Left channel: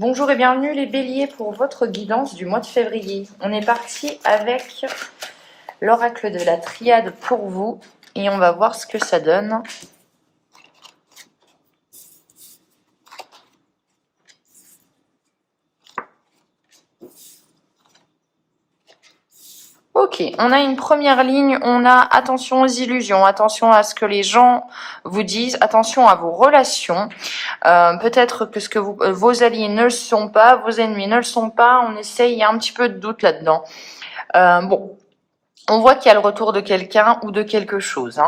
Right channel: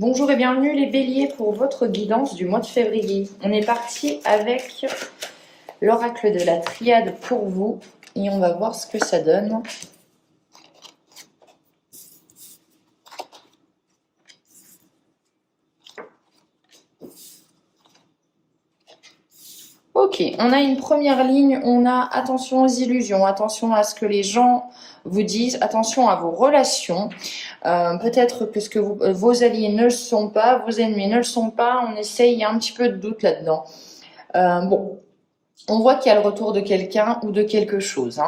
Bonjour et bienvenue les béliers pour votre guidance du mois de février. On est parti avec l'oracle de la triade pour vous et on va voir ce que ça donne. Ok, on a une première ligne, on a attention aux illusions, attention à ce que les gens vous disent, attention à vos relations. Peut-être que ce que vos alliés ne le sont pas, vos ennemis ne le sont pas, on essaye, il y a un petit peu de doute là-dedans. Bon, on voit qu'il y a le retour de quelqu'un ou de quelque chose,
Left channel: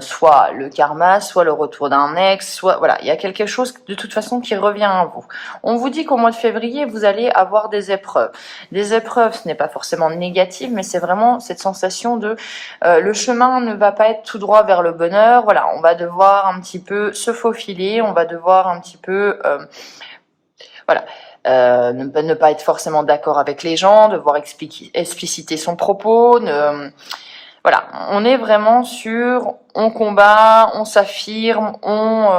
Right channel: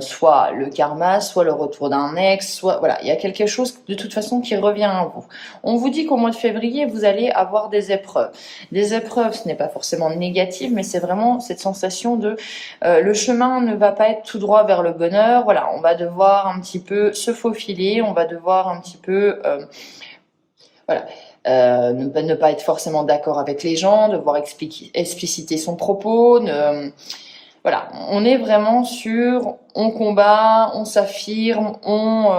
soit le karma, soit le retour d'un ex, soit voilà, il y a quelque chose de toute façon qui revient à vous. On vous dit qu'au mois de février, vous allez avoir des épreuves. Des épreuves, ce n'est pas forcément négatif, mais c'est vraiment cette sensation de le chemin ne va pas être tout droit vers le bonheur. Voilà, on va devoir un petit peu se faufiler, on va devoir un petit peu voilà. Ne pas être forcément d'accord avec les gens, devoir expliciter son propos. Voilà, on est vraiment sur on combat, on s'affirme,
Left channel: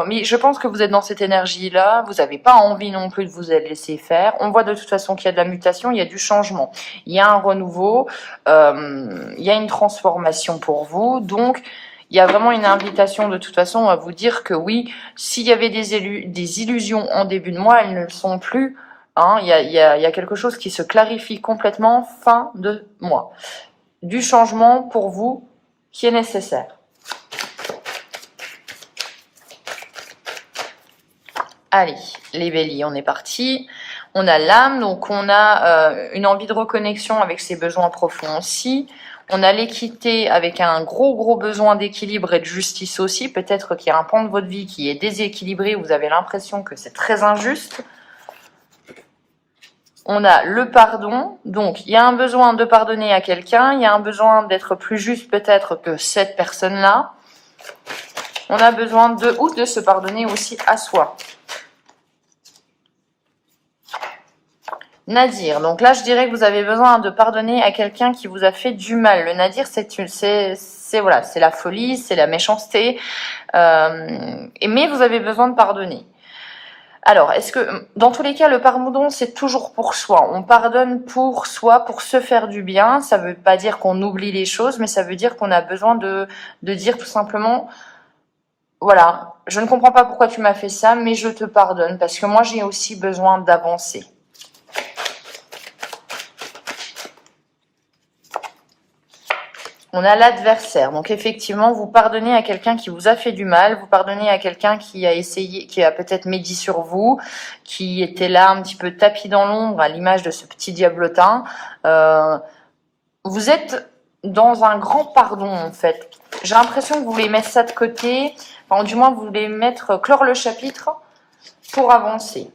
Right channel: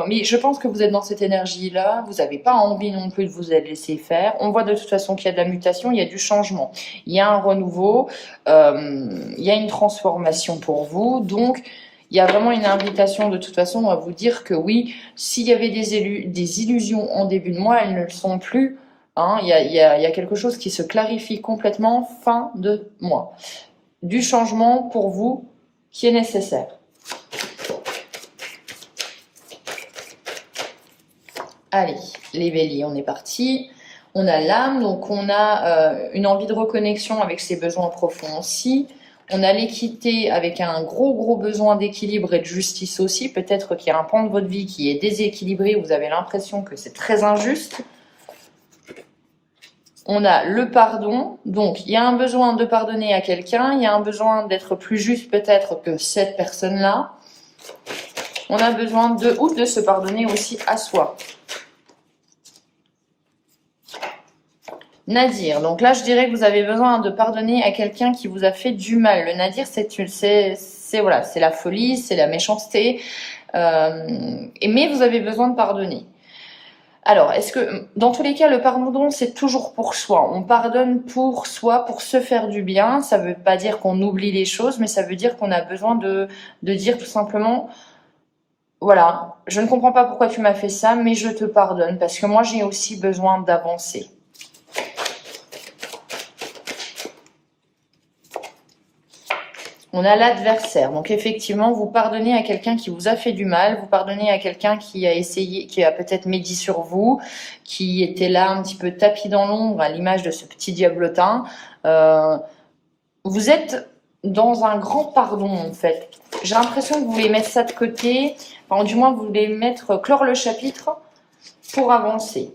mais je pense que vous êtes dans cette énergie-là, vous n'avez pas envie non plus de vous laisser faire. On voit de toute façon qu'il y a de la mutation, il y a du changement, il y a un renouveau, il y a une transformation pour vous, donc il y a vraiment une invitation de toute façon à vous dire que oui, s'il y avait des illusions en début de mois, elles ne le sont plus. Il y a quelque chose qui se clarifie complètement fin de mois. Du changement pour vous qui est nécessaire. Allez, les béliers, on est parti. On a l'âme, donc on a une envie de reconnexion avec ses besoins profonds aussi. On a l'équité avec un gros besoin d'équilibre et de justice aussi. Peut-être qu'il y a un pan de votre vie qui est déséquilibré, vous avez l'impression que c'est très injuste. On a le pardon, donc il y a un besoin de pardonner à quelqu'un, il y a un besoin d'être plus juste peut-être que cette personne-là. On a besoin de se pardonner aussi à soi. Nadir, donc là je dirais que vous avez besoin de pardonner à quelqu'un qui vous a fait du mal. Le nadir, c'est la folie, c'est la méchanceté, mais vous avez besoin de pardonner. Alors, est-ce que, dans tous les cas, le pardon, c'est toujours pour soi. On pardonne pour soi, pour se faire du bien. Ça veut pas dire qu'on oublie les choses, mais ça veut dire qu'on a besoin de dire tout simplement, voilà, je ne comprends pas pourquoi tu m'as fait ça, mais je te pardonne, parce que moi, j'ai aussi besoin d'avancer. On a l'adversaire. Donc effectivement, vous pardonnez à quelqu'un qui vous a fait du mal, vous pardonnez à quelqu'un qui a essayé, qui a peut-être médit sur vous, qui était là un petit peu tapis dans l'ombre à l'image de ce petit diablotin. Vous êtes dans un grand pardon en fait. J'ai l'impression que vous voulez mettre ça de côté, enfin du moins vous voulez clore le chapitre pour avancer.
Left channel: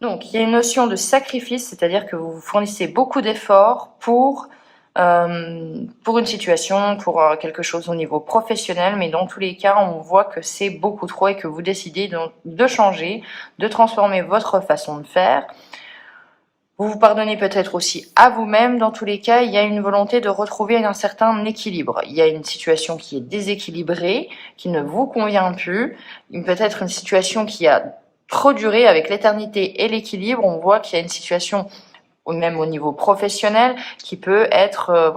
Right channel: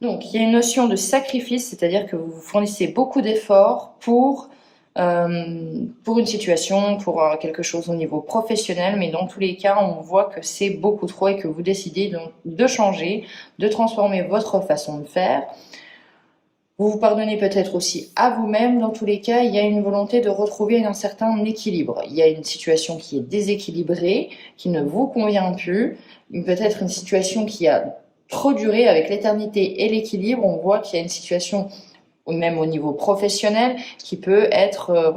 Donc il y a une notion de sacrifice, c'est-à-dire que vous fournissez beaucoup d'efforts pour une situation, pour quelque chose au niveau professionnel, mais dans tous les cas, on voit que c'est beaucoup trop et que vous décidez de changer, de transformer votre façon de faire. Vous vous pardonnez peut-être aussi à vous-même. Dans tous les cas, il y a une volonté de retrouver un certain équilibre. Il y a une situation qui est déséquilibrée, qui ne vous convient plus, peut-être une situation qui a trop duré avec l'éternité et l'équilibre. On voit qu'il y a une situation ou même au niveau professionnel, qui peut être,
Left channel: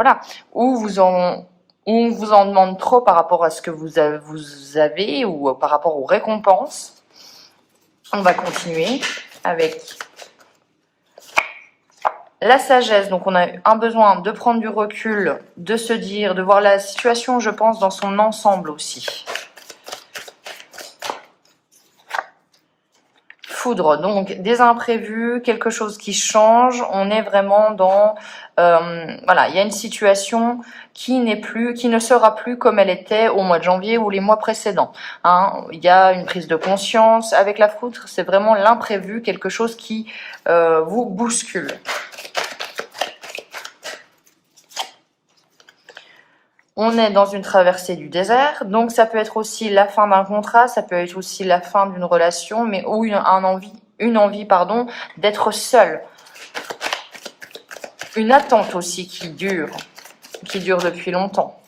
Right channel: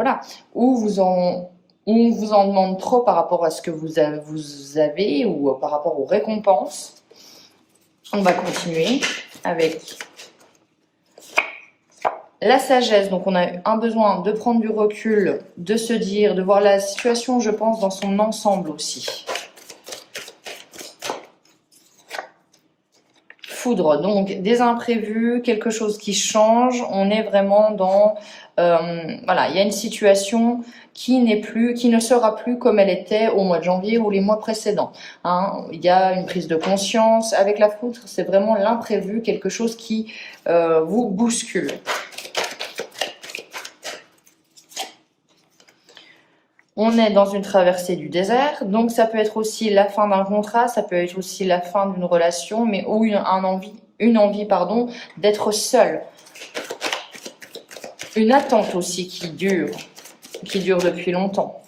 où on vous en demande trop par rapport à ce que vous avez ou par rapport aux récompenses. On va continuer avec la sagesse. Donc on a un besoin de prendre du recul, de se dire, de voir la situation, je pense, dans son ensemble aussi. Foudre, donc des imprévus, quelque chose qui change, on est vraiment dans il y a une situation qui ne sera plus comme elle était au mois de janvier ou les mois précédents. Il y a une prise de conscience avec la foudre, c'est vraiment l'imprévu, quelque chose qui vous bouscule. On est dans une traversée du désert, donc ça peut être aussi la fin d'un contrat, ça peut être aussi la fin d'une relation, mais ou une envie d'être seul. Une attente aussi qui dure depuis longtemps.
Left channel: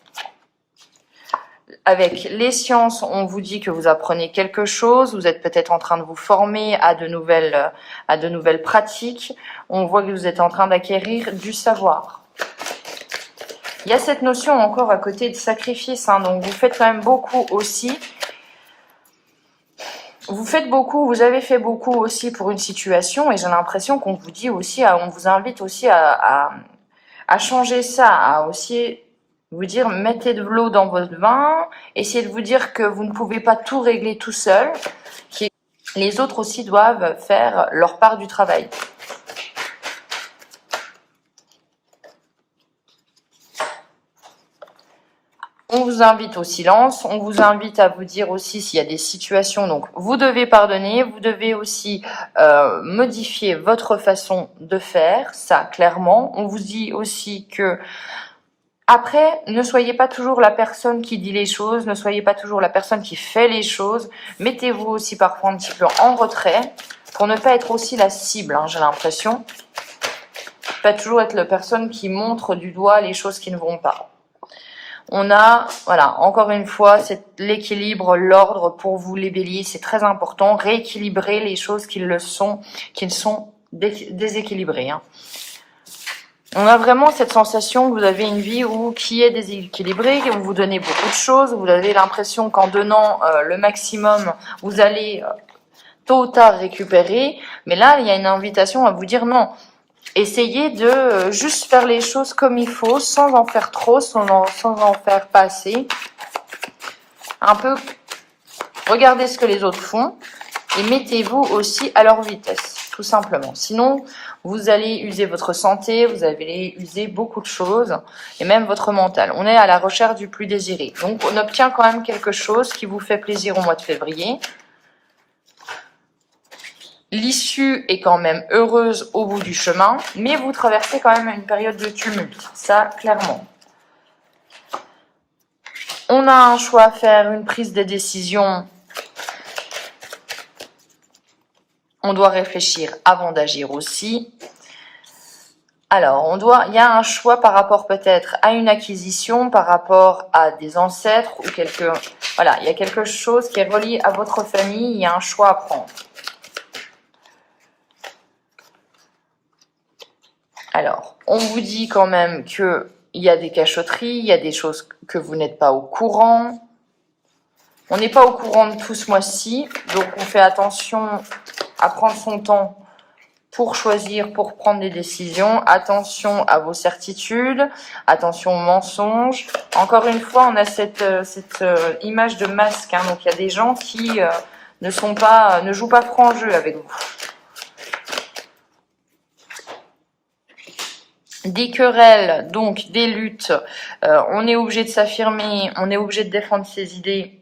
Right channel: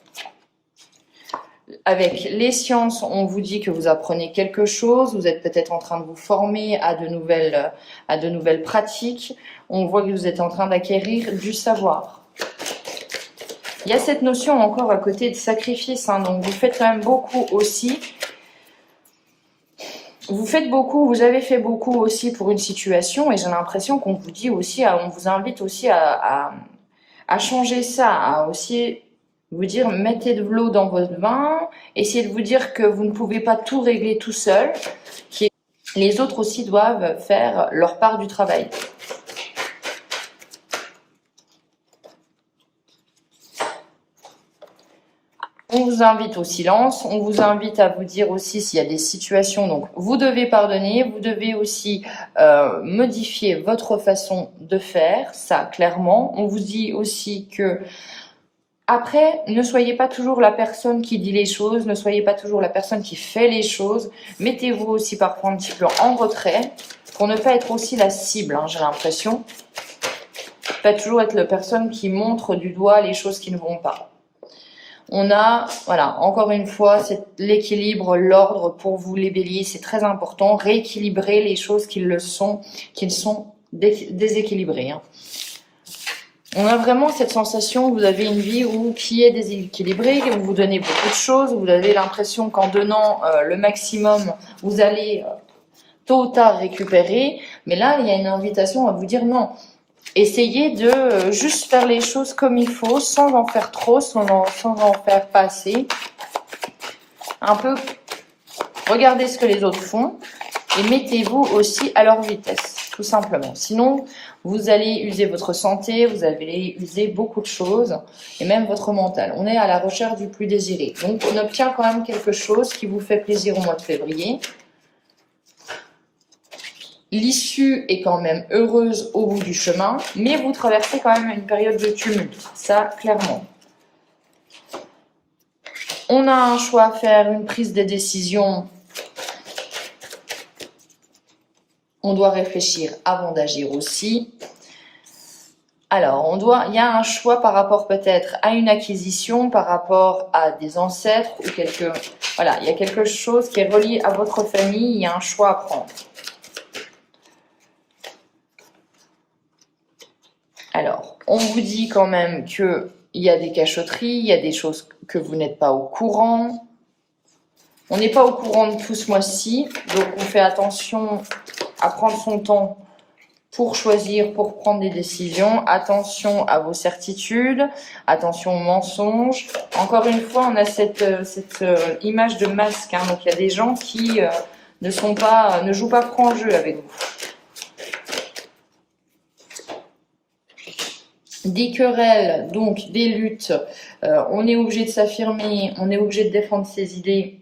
Avec les sciences, on vous dit que vous apprenez quelque chose, vous êtes peut-être en train de vous former à de nouvelles pratiques. On voit que vous êtes en train d'acquérir du savoir. Il y a cette notion encore à côté de sacrifice, hein, donc vous faites quand même beaucoup aussi. Vous faites beaucoup, vous avez fait beaucoup aussi pour une situation, et j'ai l'impression qu'on vous dit aussi, on vous invite aussi à changer ça, à aussi vous dire mettez de l'eau dans votre vin, essayez de vous dire que vous ne pouvez pas tout régler tout seul, que les autres aussi doivent faire leur part du travail. On vous invite au silence, on vous invite à vous dire aussi s'il y a des situations, donc vous devez pardonner, vous devez aussi modifier votre façon de faire, ça clairement. On vous dit aussi que après, ne soyez pas toujours la personne qui dit les choses, ne soyez pas toujours la personne qui fait les choses. Mettez-vous aussi parfois un petit peu en retrait pour ne pas être aussi la cible, hein, j'ai l'impression. Pas toujours être la personne qui montre du doigt les choses qui ne vont pas. On a, voilà, encore une fois, c'est l'équilibre, l'ordre pour vous les béliers, c'est très important. Rééquilibrer les choses qui sont déséquilibrées, hein. On a vraiment cette sensation que vous avez une vie qui est déséquilibrée, que vous vous donnez beaucoup de choses, vous avez l'impression qu'en donnant le maximum, vous allez tôt ou tard récupérer. Mais là, il y a une invitation à vous dire non. Essayez de juste faire les choses comme il faut, sans en faire trop, sans en faire pas assez. Un peu, regardez ce que les autres font et mettez-vous aussi à leur vitesse, tout simplement. Sinon, vous allez user votre santé, vous allez user beaucoup de choses, et même votre mental. On est à la recherche du plus désiré. Donc, on obtient quand même quelque chose qui vous fait plaisir au mois de février. L'issue est quand même heureuse au bout du chemin, mais vous traversez quand même une période de tumulte, ça, clairement. On a un choix à faire, une prise de décision. On doit réfléchir avant d'agir aussi. Alors, il y a un choix par rapport peut-être à une acquisition, par rapport à des ancêtres ou voilà, il y a quelque chose qui est relié à votre famille, il y a un choix à prendre. Alors, on vous dit quand même qu'il y a des cachotteries, il y a des choses que vous n'êtes pas au courant. On n'est pas au courant de tout ce mois-ci, donc on fait attention à prendre son temps pour choisir, pour prendre des décisions. Attention à vos certitudes, attention aux mensonges. Encore une fois, on a cette image de masque, hein, donc il y a des gens qui ne jouent pas franc jeu avec vous. Des querelles, donc des luttes, on est obligé de s'affirmer, on est obligé de défendre ses idées.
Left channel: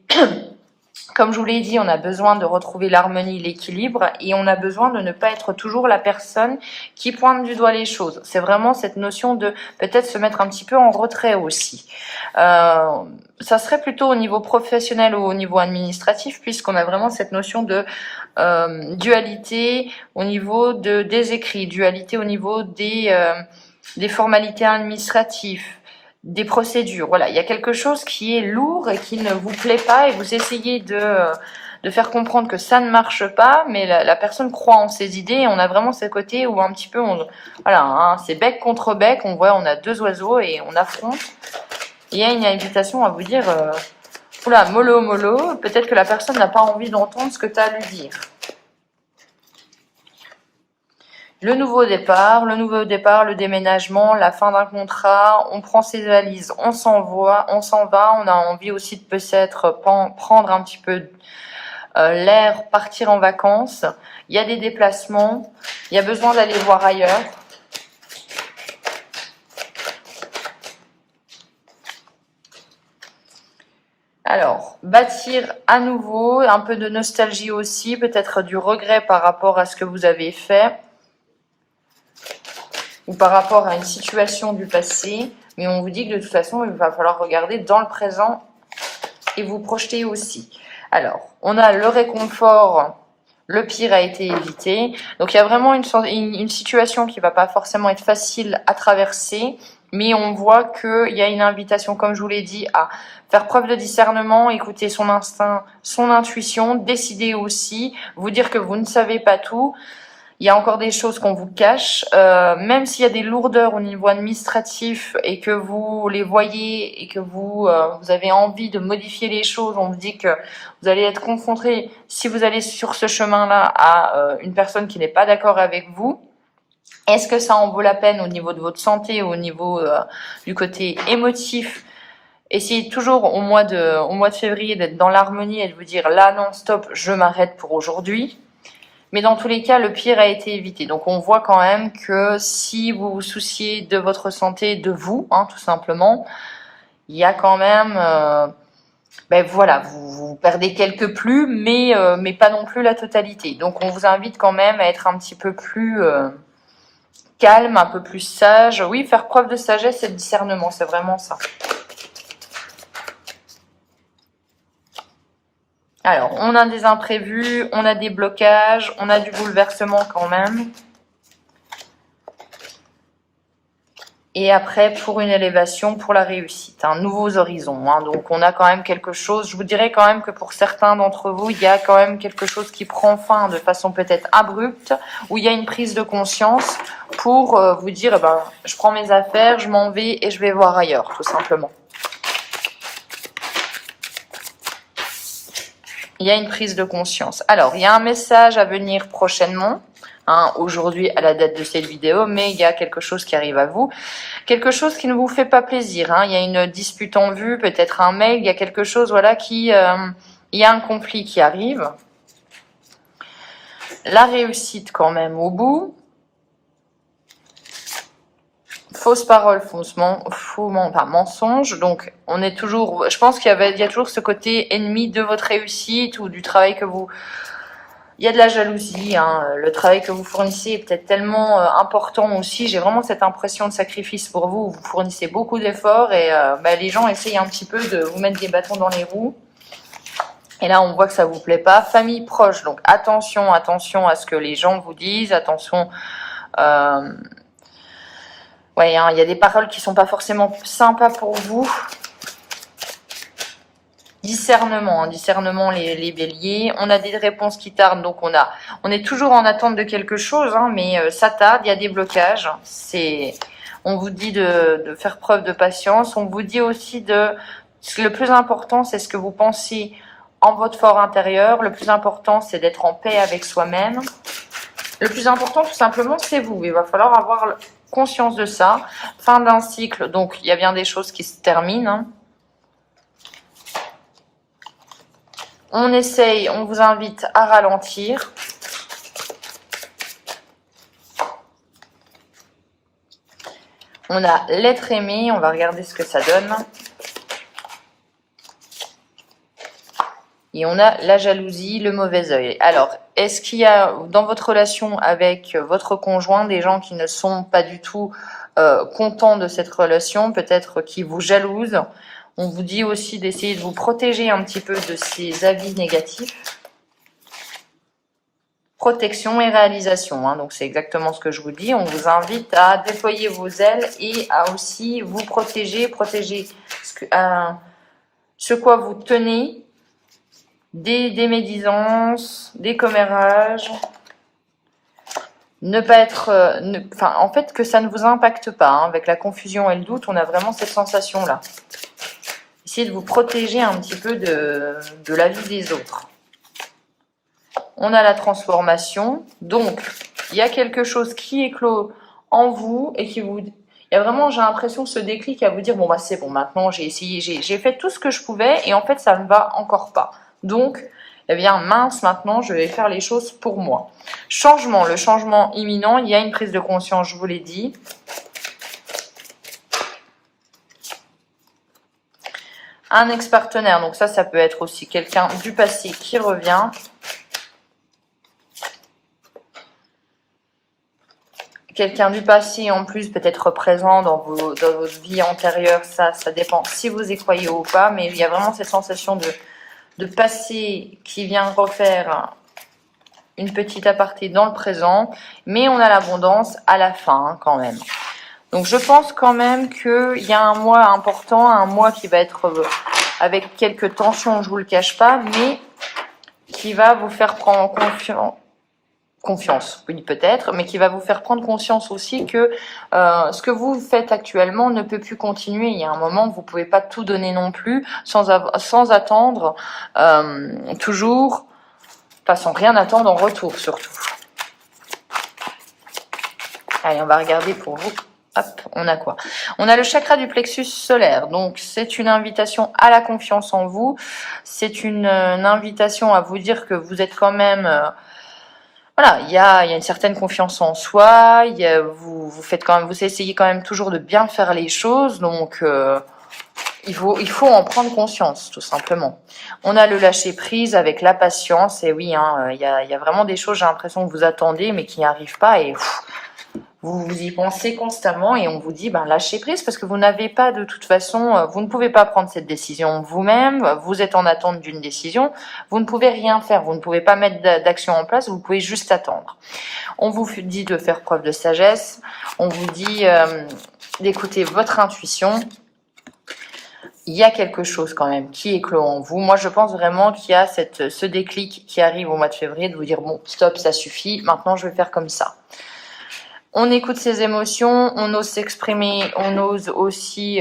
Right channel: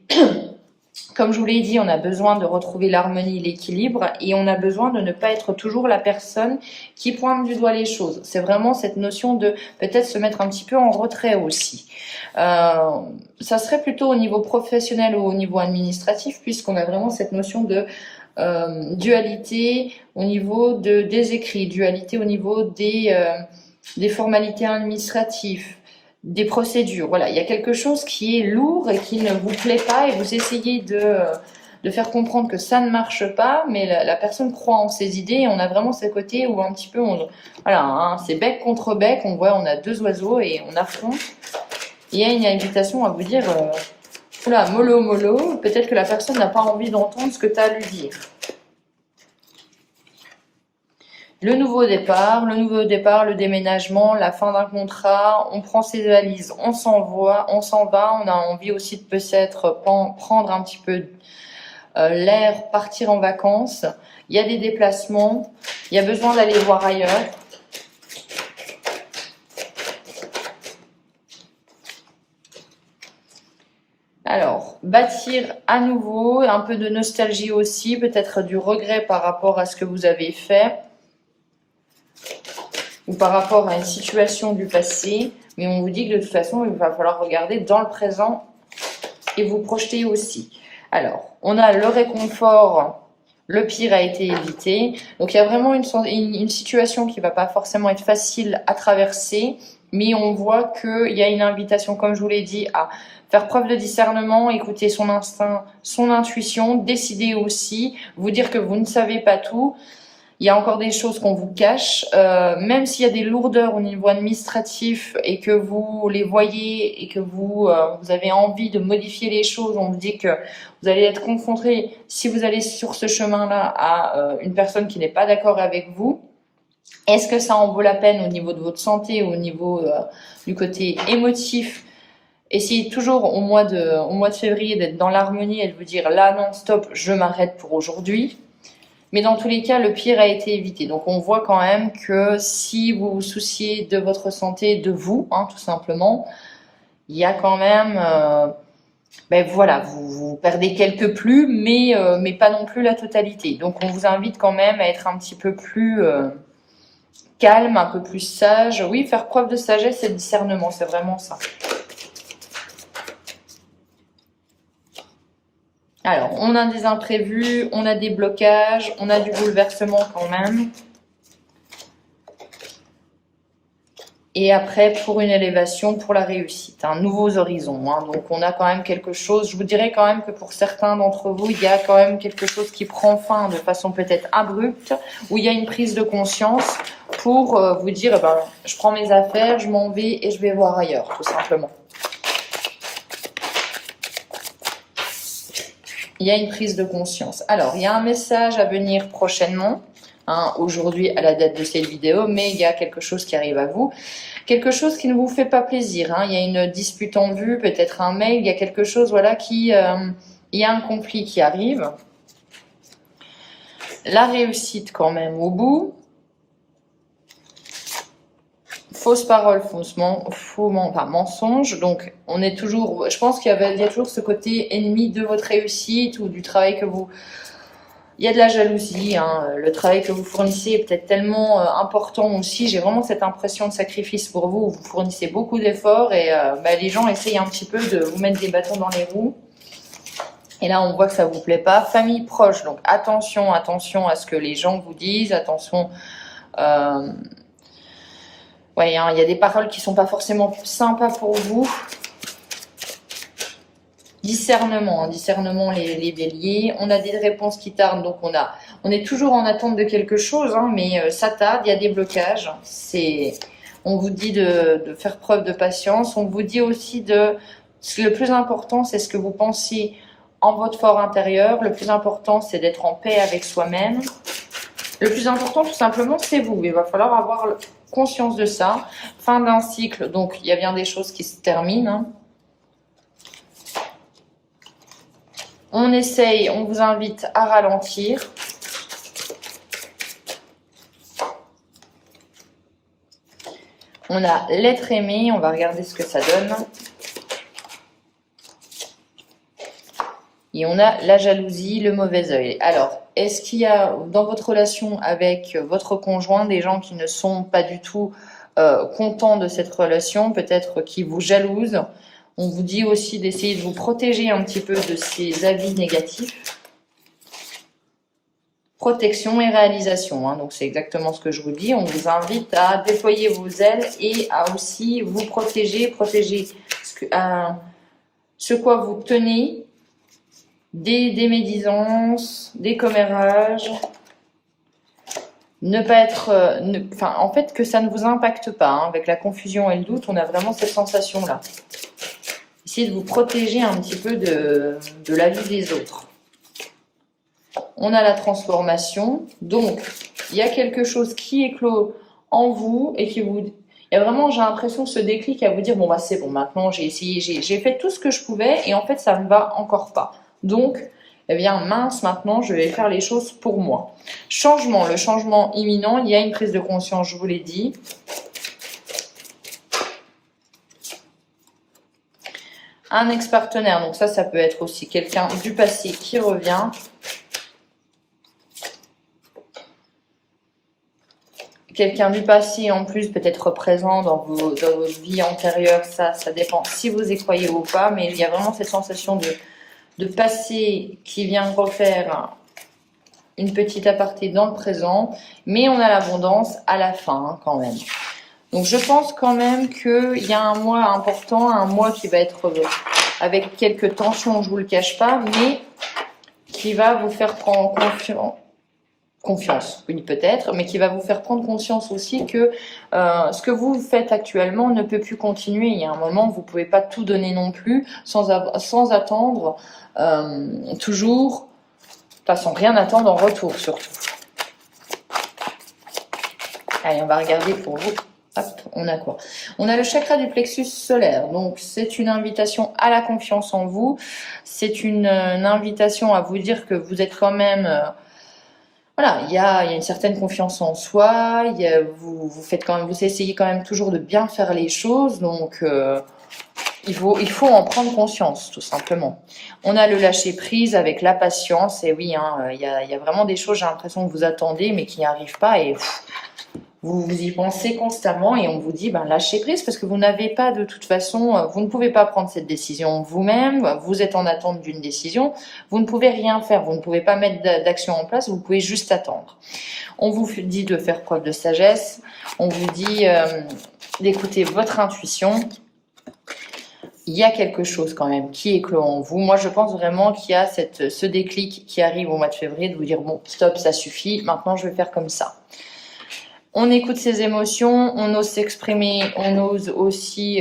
Comme je vous l'ai dit, on a besoin de retrouver l'harmonie, l'équilibre, et on a besoin de ne pas être toujours la personne qui pointe du doigt les choses. C'est vraiment cette notion de peut-être se mettre un petit peu en retrait aussi. Ça serait plutôt au niveau professionnel ou au niveau administratif, puisqu'on a vraiment cette notion de dualité au niveau des écrits, dualité au niveau des formalités administratives, des procédures. Voilà, il y a quelque chose qui est lourd et qui ne vous plaît pas, et vous essayez de faire comprendre que ça ne marche pas, mais la personne croit en ses idées, et on a vraiment ce côté où un petit peu, voilà, hein, c'est bec contre bec, on a deux oiseaux et on affronte. Il y a une invitation à vous dire, oula, mollo, mollo, peut-être que la personne n'a pas envie d'entendre ce que tu as à lui dire. Le nouveau départ, le déménagement, la fin d'un contrat, on prend ses valises, on s'en va, on a envie aussi de peut-être prendre un petit peu l'air, partir en vacances. Il y a des déplacements, il y a besoin d'aller voir ailleurs. Alors, bâtir à nouveau, un peu de nostalgie aussi, peut-être du regret par rapport à ce que vous avez fait, ou par rapport à une situation du passé, mais on vous dit que de toute façon, il va falloir regarder dans le présent et vous projeter aussi. Alors, on a le réconfort, le pire a été évité, donc il y a vraiment une situation qui va pas forcément être facile à traverser, mais on voit qu'il y a une invitation, comme je vous l'ai dit, à Faire preuve de discernement, écouter son instinct, son intuition, décider aussi, vous dire que vous ne savez pas tout. Il y a encore des choses qu'on vous cache, même s'il y a des lourdeurs au niveau administratif et que vous les voyez et que vous avez envie de modifier les choses, on vous dit que vous allez être confronté, si vous allez sur ce chemin-là, à une personne qui n'est pas d'accord avec vous. Est-ce que ça en vaut la peine au niveau de votre santé, au niveau du côté émotif? Essayez toujours au mois de février d'être dans l'harmonie et de vous dire là non stop, je m'arrête pour aujourd'hui. Mais dans tous les cas, le pire a été évité. Donc on voit quand même que si vous vous souciez de votre santé, de vous, tout simplement, il y a quand même, voilà, vous perdez quelques plus, mais pas non plus la totalité. Donc on vous invite quand même à être un petit peu plus calme, un peu plus sage. Oui, faire preuve de sagesse et de discernement, c'est vraiment ça. Alors, on a des imprévus, on a des blocages, on a du bouleversement quand même. Et après, pour une élévation, pour la réussite, nouveaux horizons. Donc, on a quand même quelque chose. Je vous dirais quand même que pour certains d'entre vous, il y a quand même quelque chose qui prend fin de façon peut-être abrupte, où il y a une prise de conscience pour vous dire, je prends mes affaires, je m'en vais et je vais voir ailleurs, tout simplement. Il y a une prise de conscience. Alors, il y a un message à venir prochainement, aujourd'hui à la date de cette vidéo, mais il y a quelque chose qui arrive à vous. Quelque chose qui ne vous fait pas plaisir. Il y a une dispute en vue, peut-être un mail, il y a quelque chose, voilà, il y a un conflit qui arrive. La réussite quand même au bout. Fausse parole, mensonge. Donc, on est toujours. Je pense qu'il y a toujours ce côté ennemi de votre réussite ou du travail que vous. Il y a de la jalousie. Le travail que vous fournissez est peut-être tellement important aussi. J'ai vraiment cette impression de sacrifice pour vous. Vous fournissez beaucoup d'efforts et les gens essayent un petit peu de vous mettre des bâtons dans les roues. Et là, on voit que ça vous plaît pas. Famille proche. Donc, attention à ce que les gens vous disent. Attention. Il y a des paroles qui sont pas forcément sympas pour vous. Discernement, les béliers. On a des réponses qui tardent, donc on est toujours en attente de quelque chose, mais ça tarde, il y a des blocages. On vous dit de faire preuve de patience. On vous dit aussi le plus important, c'est ce que vous pensez en votre fort intérieur. Le plus important, c'est d'être en paix avec soi-même. Le plus important, tout simplement, c'est vous. Il va falloir avoir conscience de ça. Fin d'un cycle, donc il y a bien des choses qui se terminent. On vous invite à ralentir. On a l'être aimé, on va regarder ce que ça donne. Et on a la jalousie, le mauvais œil. Alors, est-ce qu'il y a dans votre relation avec votre conjoint des gens qui ne sont pas du tout contents de cette relation, peut-être qui vous jalousent? On vous dit aussi d'essayer de vous protéger un petit peu de ces avis négatifs. Protection et réalisation, donc c'est exactement ce que je vous dis. On vous invite à déployer vos ailes et à aussi vous protéger ce quoi vous tenez, des médisances, des commérages, ne pas être, en fait que ça ne vous impacte pas. Avec la confusion et le doute, on a vraiment cette sensation-là. Essayez de vous protéger un petit peu de la vie des autres. On a la transformation, donc il y a quelque chose qui éclot en vous et qui vous... Il y a vraiment, j'ai l'impression, ce déclic à vous dire, c'est bon, maintenant j'ai essayé, j'ai fait tout ce que je pouvais et en fait ça ne va encore pas. Donc, mince, maintenant je vais faire les choses pour moi. Changement, le changement imminent, il y a une prise de conscience, je vous l'ai dit. Un ex-partenaire, donc ça peut être aussi quelqu'un du passé qui revient. Quelqu'un du passé en plus peut être présent dans votre vie antérieure, ça dépend si vous y croyez ou pas, mais il y a vraiment cette sensation de passé qui vient refaire une petite aparté dans le présent, mais on a l'abondance à la fin quand même. Donc je pense quand même qu'il y a un mois important, un mois qui va être avec quelques tensions, je vous le cache pas, mais qui va vous faire prendre confiance, oui peut-être, mais qui va vous faire prendre conscience aussi que ce que vous faites actuellement ne peut plus continuer. Il y a un moment où vous pouvez pas tout donner non plus, sans attendre toujours, enfin sans rien attendre en retour surtout. Allez, on va regarder pour vous. Hop, on a quoi? On a le chakra du plexus solaire. Donc, c'est une invitation à la confiance en vous. C'est une invitation à vous dire que vous êtes quand même... voilà, il y a une certaine confiance en soi. Vous faites quand même, vous essayez quand même toujours de bien faire les choses. Donc, il faut en prendre conscience, tout simplement. On a le lâcher prise avec la patience. Et oui, hein, il y a vraiment des choses, j'ai l'impression que vous attendez, mais qui n'y arrivent pas. Et... vous y pensez constamment et on vous dit lâchez prise parce que vous n'avez pas de toute façon, vous ne pouvez pas prendre cette décision vous-même, vous êtes en attente d'une décision, vous ne pouvez rien faire, vous ne pouvez pas mettre d'action en place, vous pouvez juste attendre. On vous dit de faire preuve de sagesse, on vous dit d'écouter votre intuition. Il y a quelque chose quand même qui éclot en vous. Moi, je pense vraiment qu'il y a ce déclic qui arrive au mois de février de vous dire bon, stop, ça suffit, maintenant je vais faire comme ça. On écoute ses émotions, on ose s'exprimer, on ose aussi,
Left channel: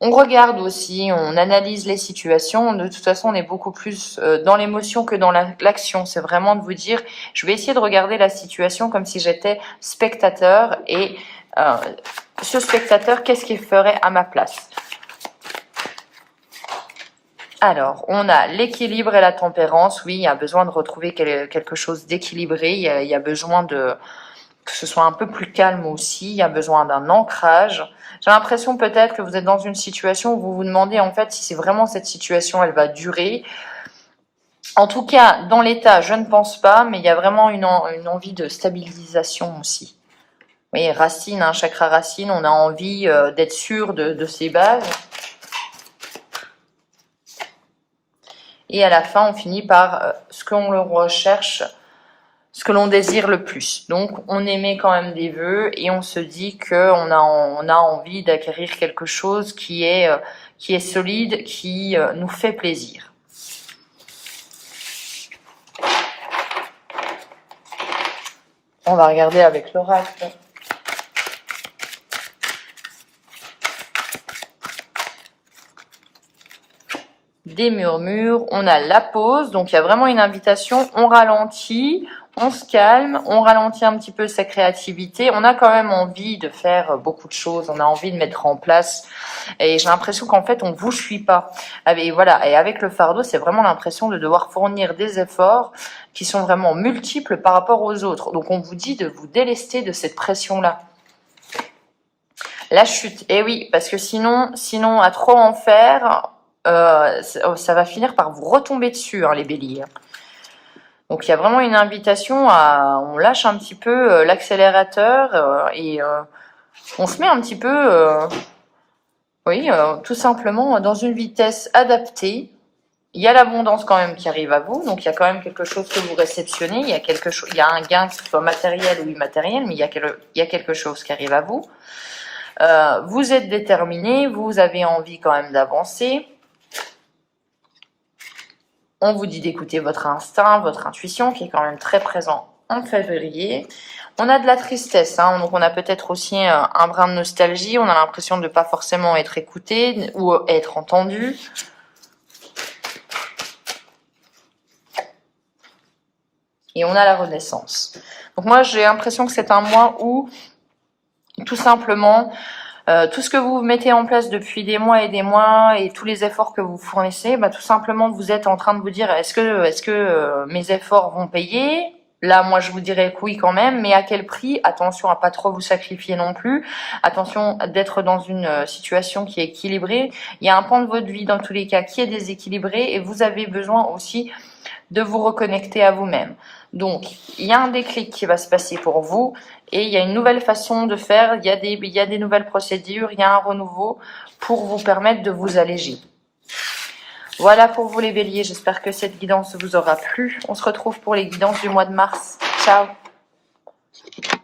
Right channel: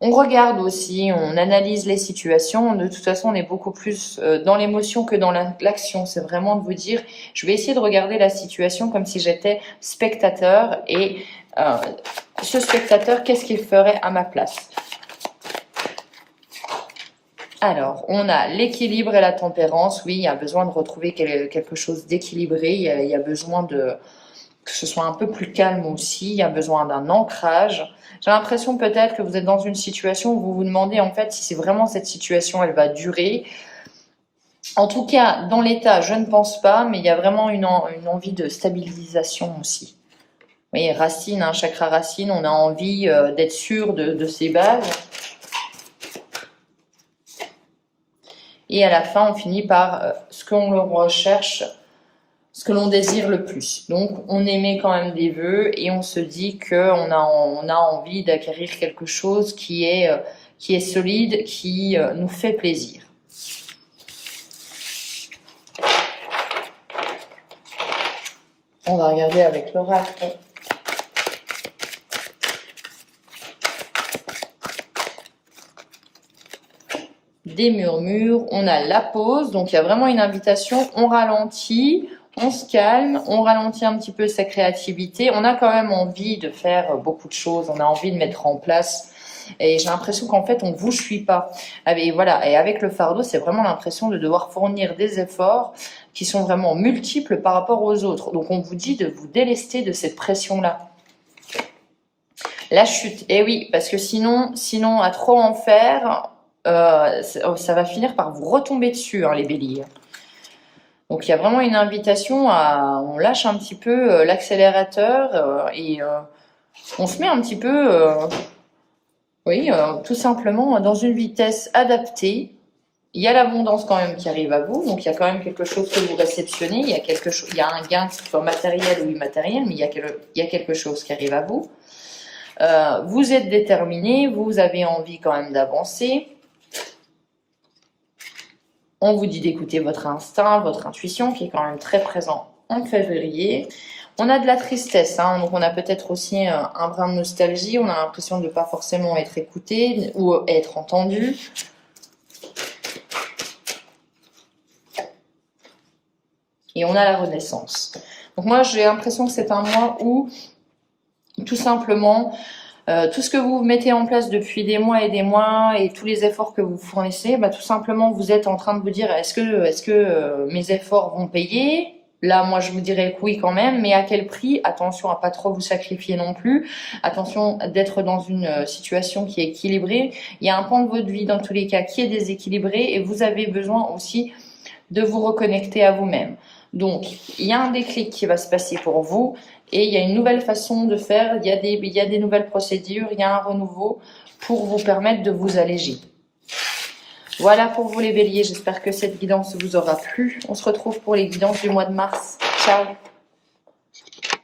on regarde aussi, on analyse les situations. De toute façon, on est beaucoup plus dans l'émotion que dans l'action. C'est vraiment de vous dire, je vais essayer de regarder la situation comme si j'étais spectateur et ce spectateur, qu'est-ce qu'il ferait à ma place? Alors, on a l'équilibre et la tempérance. Oui, il y a besoin de retrouver quelque chose d'équilibré. Il y a besoin que ce soit un peu plus calme aussi. Il y a besoin d'un ancrage. J'ai l'impression peut-être que vous êtes dans une situation où vous vous demandez en fait si c'est vraiment cette situation, elle va durer. En tout cas, dans l'état, je ne pense pas, mais il y a vraiment une envie de stabilisation aussi. Vous voyez, racine, hein, chakra racine, on a envie d'être sûr de ses bases. Et à la fin, on finit par ce qu'on le recherche, ce que l'on désire le plus. Donc, on émet quand même des vœux et on se dit qu'on a envie d'acquérir quelque chose qui est solide, qui nous fait plaisir. On va regarder avec l'oracle. Des murmures, on a la pause, donc il y a vraiment une invitation, on ralentit, on se calme, on ralentit un petit peu sa créativité, on a quand même envie de faire beaucoup de choses, on a envie de mettre en place, et j'ai l'impression qu'en fait on vous suit pas. Et voilà, et avec le fardeau, c'est vraiment l'impression de devoir fournir des efforts qui sont vraiment multiples par rapport aux autres. Donc on vous dit de vous délester de cette pression-là. La chute, et oui, parce que sinon à trop en faire... ça va finir par vous retomber dessus, hein, les béliers. Donc il y a vraiment une invitation on lâche un petit peu l'accélérateur et on se met un petit peu, tout simplement dans une vitesse adaptée. Il y a l'abondance quand même qui arrive à vous, donc il y a quand même quelque chose que vous réceptionnez. Il y a un gain, que ce soit matériel ou immatériel, mais il y a quelque chose qui arrive à vous. Vous êtes déterminé, vous avez envie quand même d'avancer. On vous dit d'écouter votre instinct, votre intuition, qui est quand même très présent en février. On a de la tristesse, hein, donc on a peut-être aussi un brin de nostalgie. On a l'impression de ne pas forcément être écouté ou être entendu. Et on a la renaissance. Donc moi, j'ai l'impression que c'est un mois où, tout simplement... tout ce que vous mettez en place depuis des mois et tous les efforts que vous fournissez, tout simplement vous êtes en train de vous dire est-ce que mes efforts vont payer? Là, moi, je vous dirais que oui quand même, mais à quel prix? Attention à pas trop vous sacrifier non plus. Attention d'être dans une situation qui est équilibrée. Il y a un pan de votre vie dans tous les cas qui est déséquilibré et vous avez besoin aussi de vous reconnecter à vous-même. Donc, il y a un déclic qui va se passer pour vous et il y a une nouvelle façon de faire, il y a des nouvelles procédures, il y a un renouveau pour vous permettre de vous alléger. Voilà pour vous les béliers, j'espère que cette guidance vous aura plu. On se retrouve pour les guidances du mois de mars. Ciao!